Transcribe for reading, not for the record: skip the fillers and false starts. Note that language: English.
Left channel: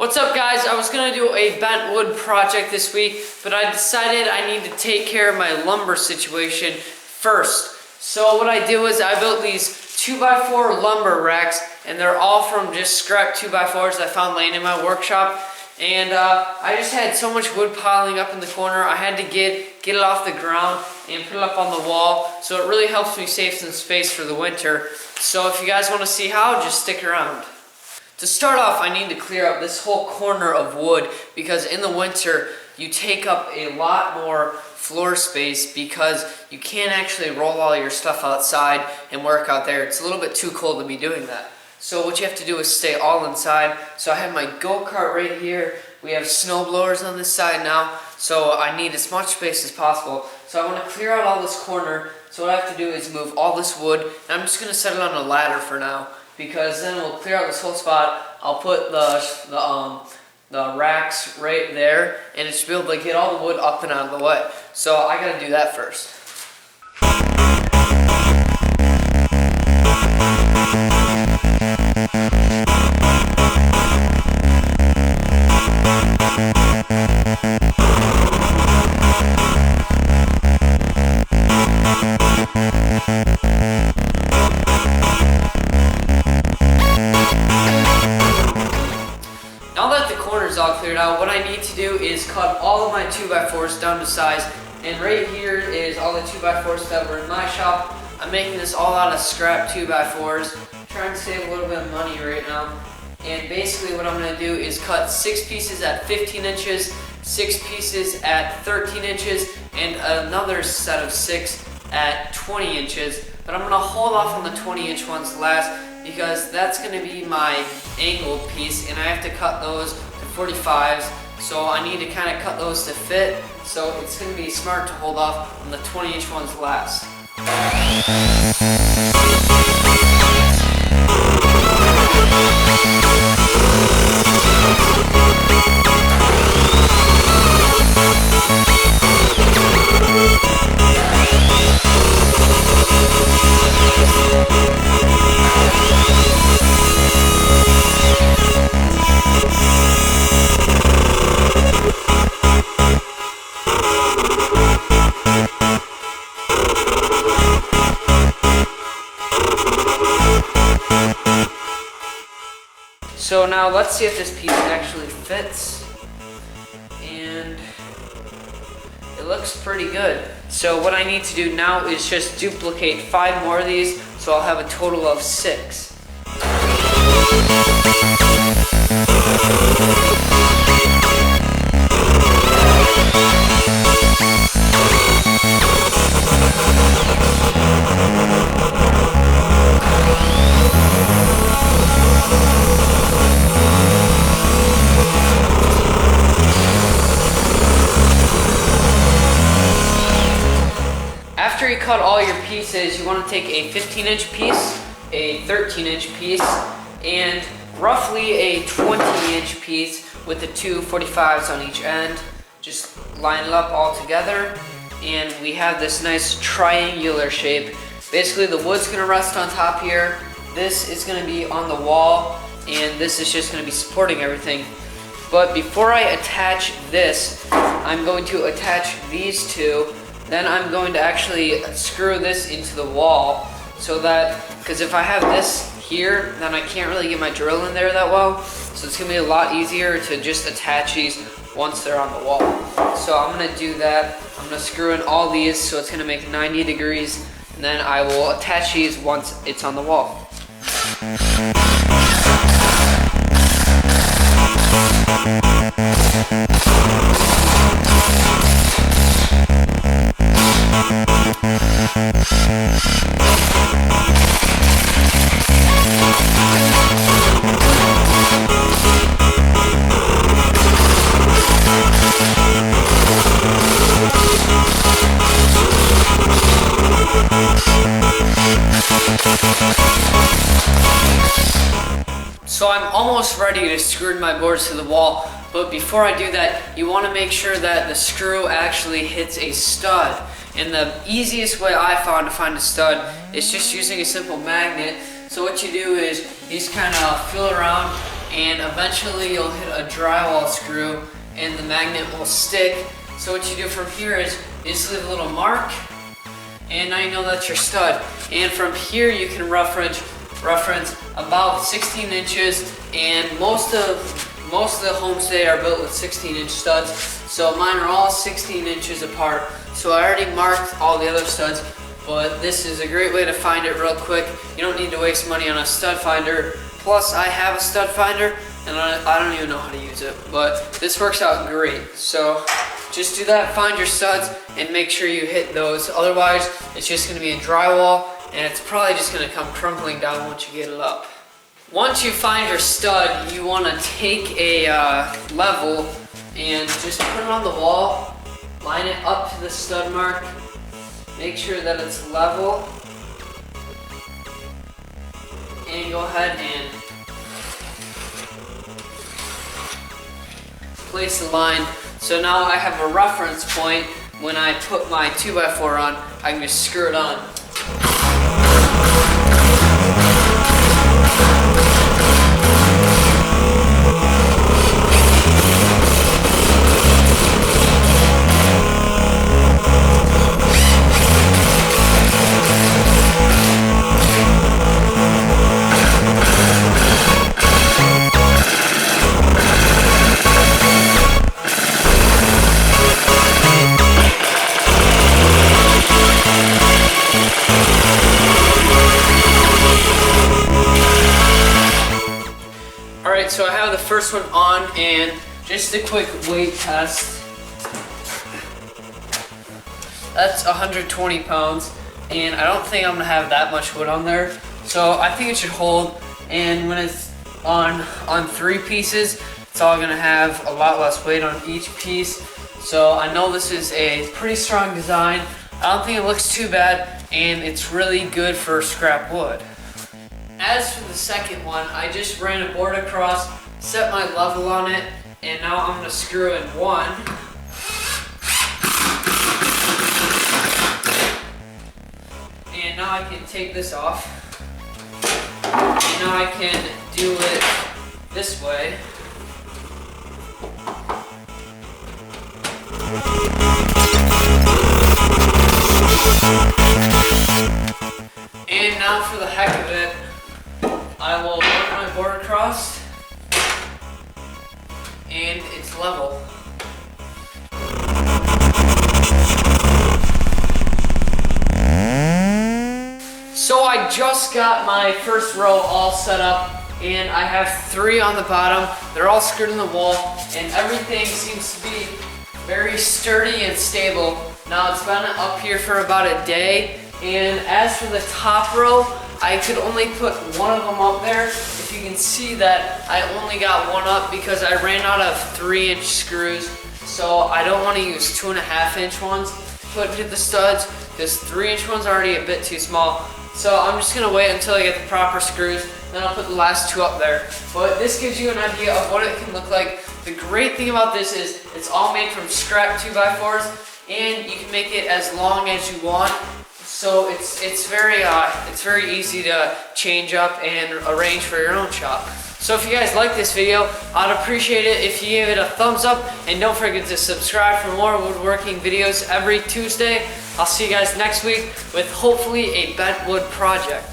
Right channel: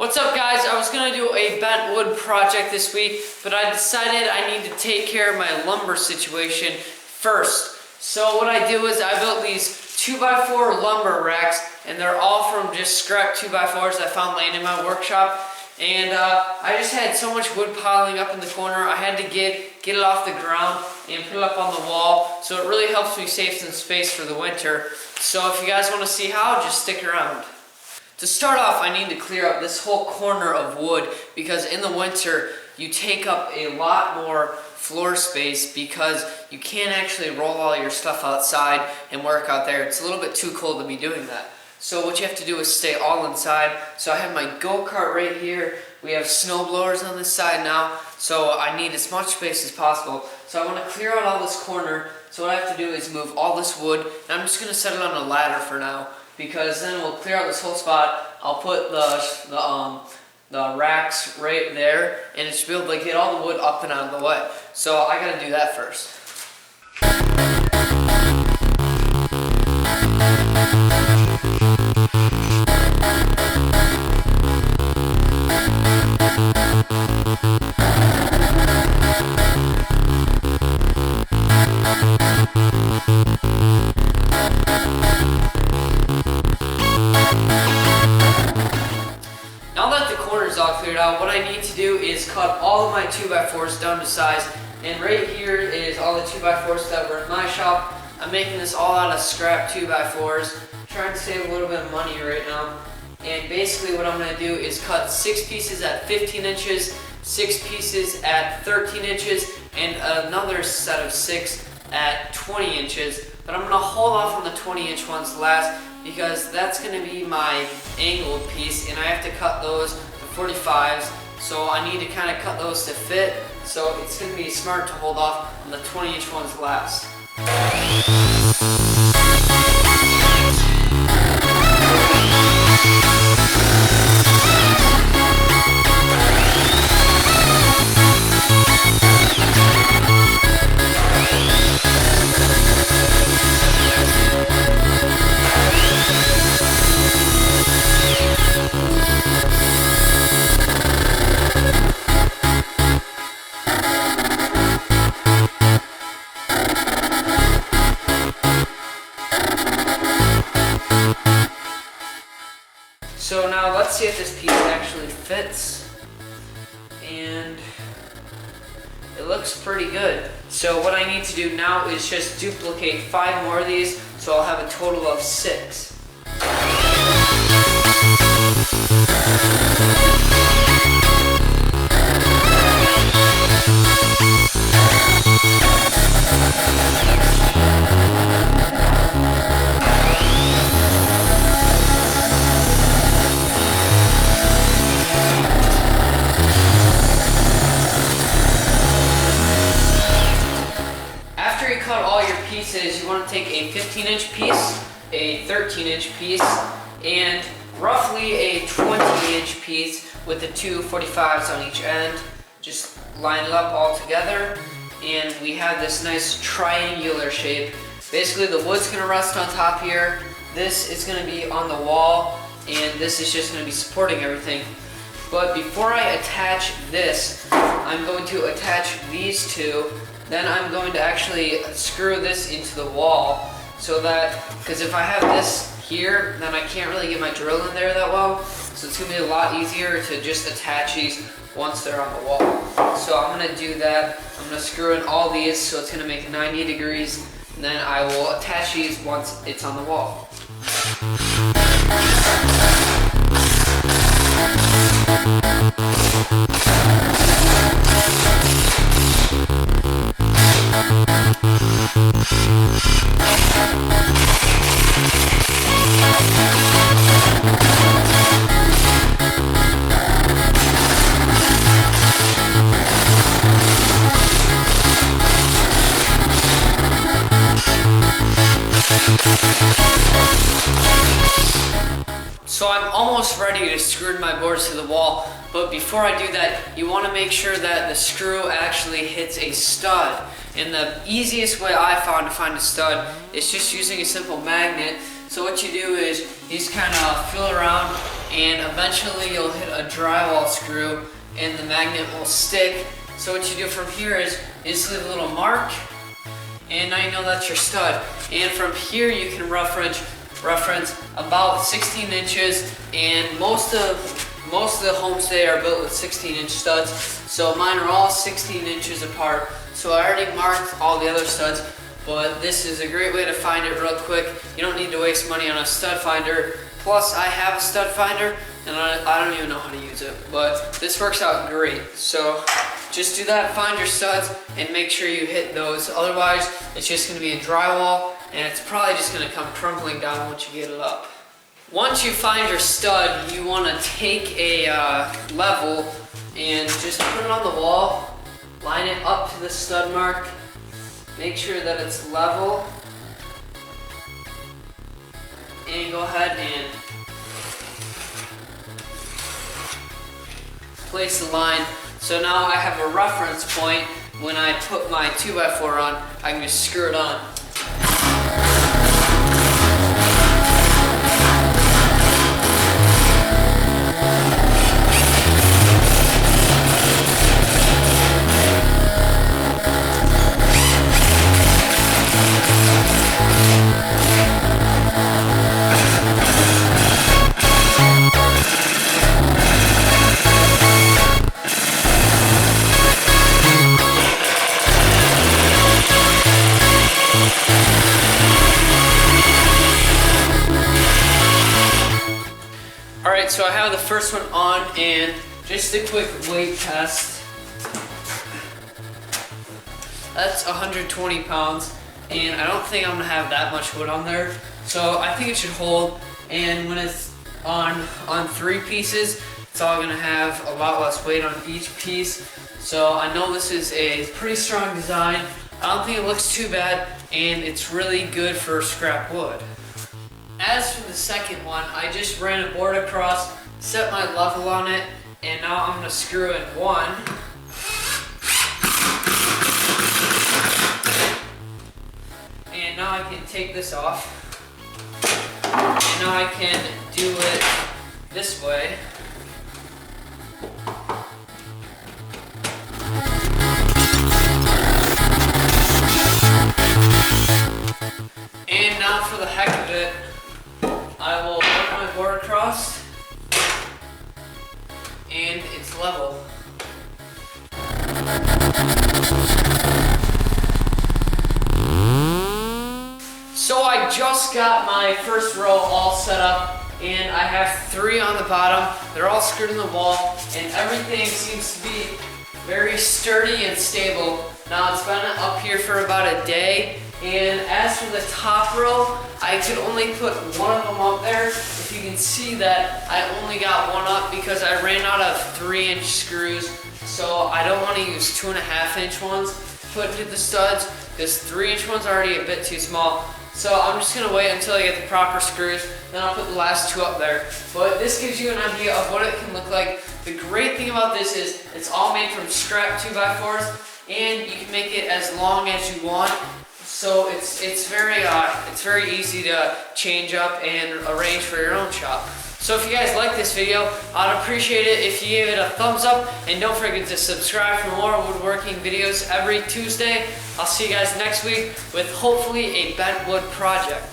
What's up, guys? I was gonna do a bent wood project this week, but I decided I need to take care of my lumber situation first. So what I do is I built these 2x4 lumber racks, and they're all from just scrap 2x4s I found laying in my workshop. And I just had so much wood piling up in the corner, I had to get it off the ground and put it up on the wall. So it really helps me save some space for the winter. So if you guys want to see how, just stick around. To start off, I need to clear up this whole corner of wood because in the winter you take up a lot more floor space because you can't actually roll all your stuff outside and work out there. It's a little bit too cold to be doing that. So what you have to do is stay all inside. So I have my go-kart right here. We have snow blowers on this side now, so I need as much space as possible. So I want to clear out all this corner. So what I have to do is move all this wood, and I'm just going to set it on a ladder for now, because then we'll clear out this whole spot. I'll put the racks right there, and it should be able to get all the wood up and out of the way. So I gotta do that first. Now that the corner's all cleared out, what I need to do is cut all of my 2x4s down to size. And right here is all the 2x4s that were in my shop. I'm making this all out of scrap 2x4s. Trying to save a little bit of money right now. And basically what I'm going to do is cut 6 pieces at 15 inches, 6 pieces at 13 inches, and another set of 6 at 20 inches. But I'm going to hold off on the 20-inch ones last, because that's going to be my angled piece, and I have to cut those to 45s, so I need to kind of cut those to fit, so it's going to be smart to hold off on the 20-inch ones last. So now let's see if this piece actually fits, and it looks pretty good. So what I need to do now is just duplicate 5 more of these, so I'll have a total of 6. After you cut all your pieces, you want to take a 15-inch piece, a 13-inch piece, and roughly a 20-inch piece with the 2 45s on each end. Just line it up all together, and we have this nice triangular shape. Basically, the wood's going to rest on top here, this is going to be on the wall, and this is just going to be supporting everything. But before I attach this, I'm going to attach these two. Then I'm going to actually screw this into the wall, so that, because if I have this here, then I can't really get my drill in there that well. So it's going to be a lot easier to just attach these once they're on the wall. So I'm going to do that. I'm going to screw in all these, so it's going to make 90 degrees. And then I will attach these once it's on the wall. So I'm almost ready to screw my boards to the wall, but before I do that, you want to make sure that the screw actually hits a stud. And the easiest way I found to find a stud is just using a simple magnet. So what you do is you just kind of feel around and eventually you'll hit a drywall screw and the magnet will stick. So what you do from here is you just leave a little mark, and now you know that's your stud. And from here you can reference about 16 inches, and most of the homes today are built with 16-inch studs. So mine are all 16 inches apart. So I already marked all the other studs, but this is a great way to find it real quick. You don't need to waste money on a stud finder. Plus I have a stud finder and I don't even know how to use it, but this works out great. So just do that, find your studs, and make sure you hit those. Otherwise, it's just gonna be a drywall, and it's probably just gonna come crumbling down once you get it up. Once you find your stud, you wanna take a level and just put it on the wall, line it up to the stud mark, make sure that it's level, and go ahead and place the line. So now I have a reference point. When I put my 2x4 on, I can just screw it on. Alright, so I have the first one on, and just a quick weight test. That's 120 pounds, and I don't think I'm gonna have that much wood on there. So I think it should hold, and when it's on 3 pieces, it's all gonna have a lot less weight on each piece. So I know this is a pretty strong design. I don't think it looks too bad, and it's really good for scrap wood. As for the second one, I just ran a board across, set my level on it, and now I'm gonna screw in one. And now I can take this off. And now I can do it this way. And now for the heck of it, I will put my board across, and it's level. So I just got my first row all set up, and I have 3 on the bottom. They're all screwed in the wall, and everything seems to be very sturdy and stable. Now it's been up here for about a day, and as for the top row, I could only put one of them up there. If you can see that, I only got one up because I ran out of 3-inch screws. So I don't want to use 2.5-inch ones to put into the studs, because 3-inch ones are already a bit too small. So I'm just gonna wait until I get the proper screws, then I'll put the last 2 up there. But this gives you an idea of what it can look like. The great thing about this is it's all made from scrap 2x4s, and you can make it as long as you want. So it's very easy to change up and arrange for your own shop. So if you guys like this video, I'd appreciate it if you gave it a thumbs up, and don't forget to subscribe for more woodworking videos every Tuesday. I'll see you guys next week with hopefully a bent wood project.